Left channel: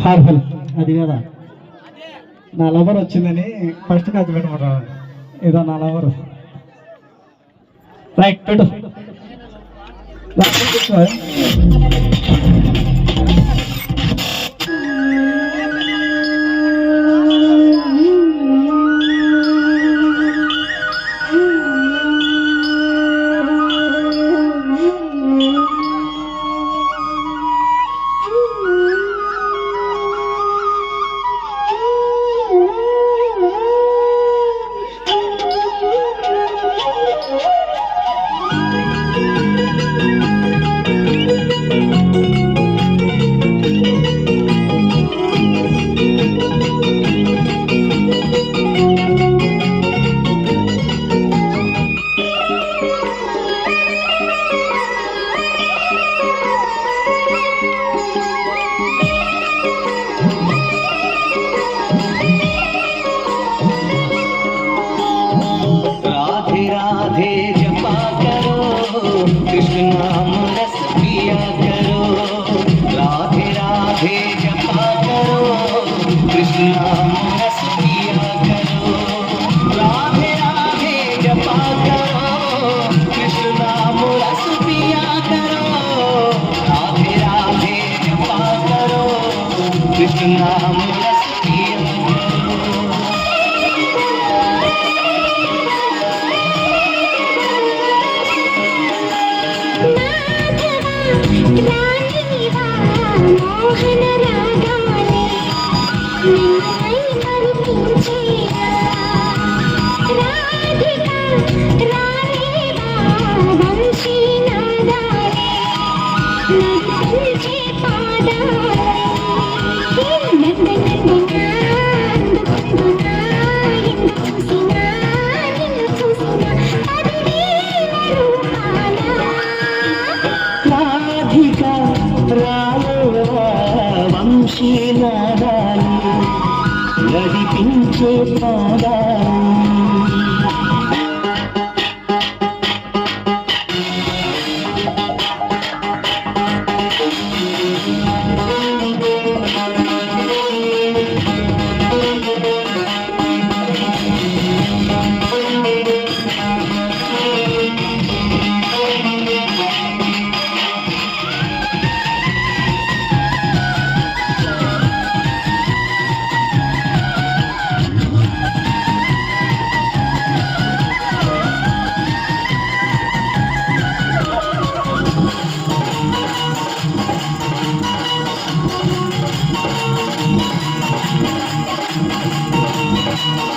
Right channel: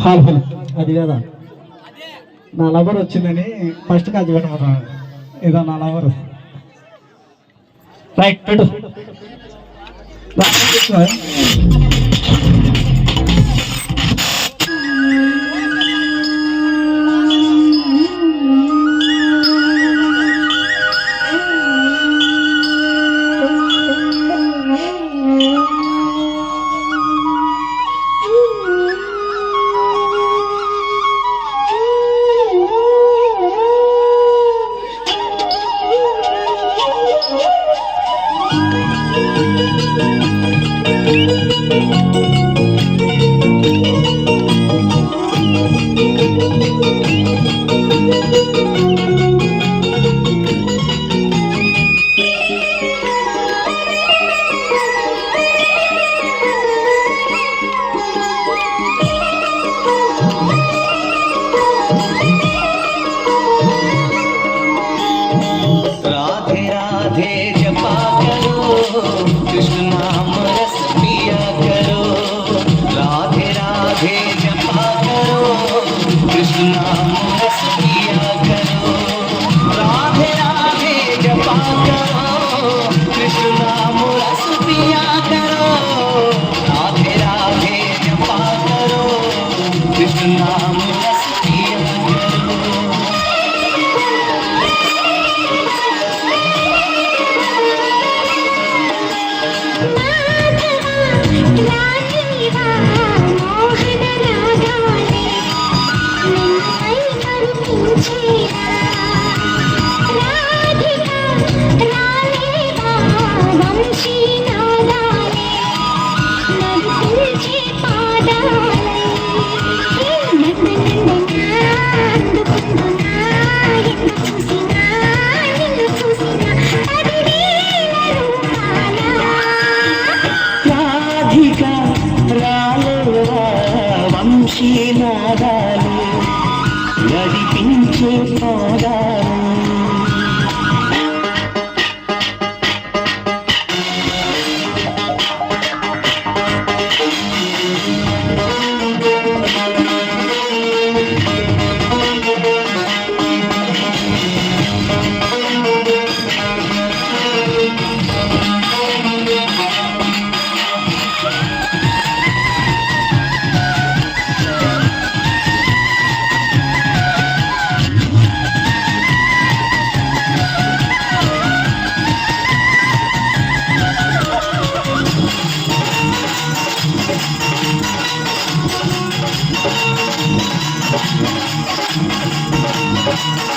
Hall అది కదా? నా లవర్ వచ్చిందని ఫస్ట్ కాదు పెట్టమంటారు ఇదో నా లవర్. రైట్ పెట్టు. ま、そうです。Wow. I'm not afraid. కావాలి నడిపించే పాదాలు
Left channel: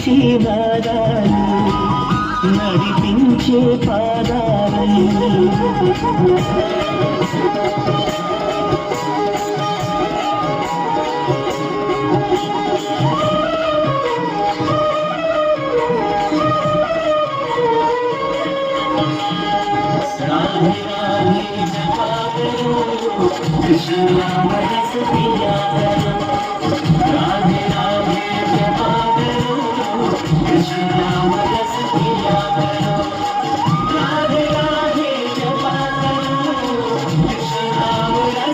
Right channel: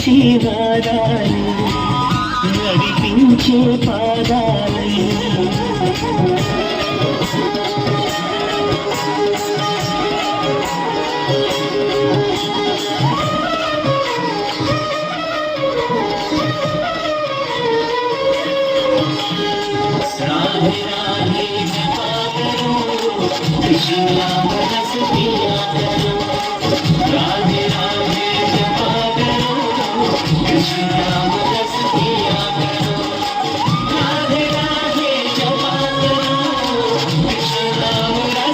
శివరాణి నడిపించే పాదాలు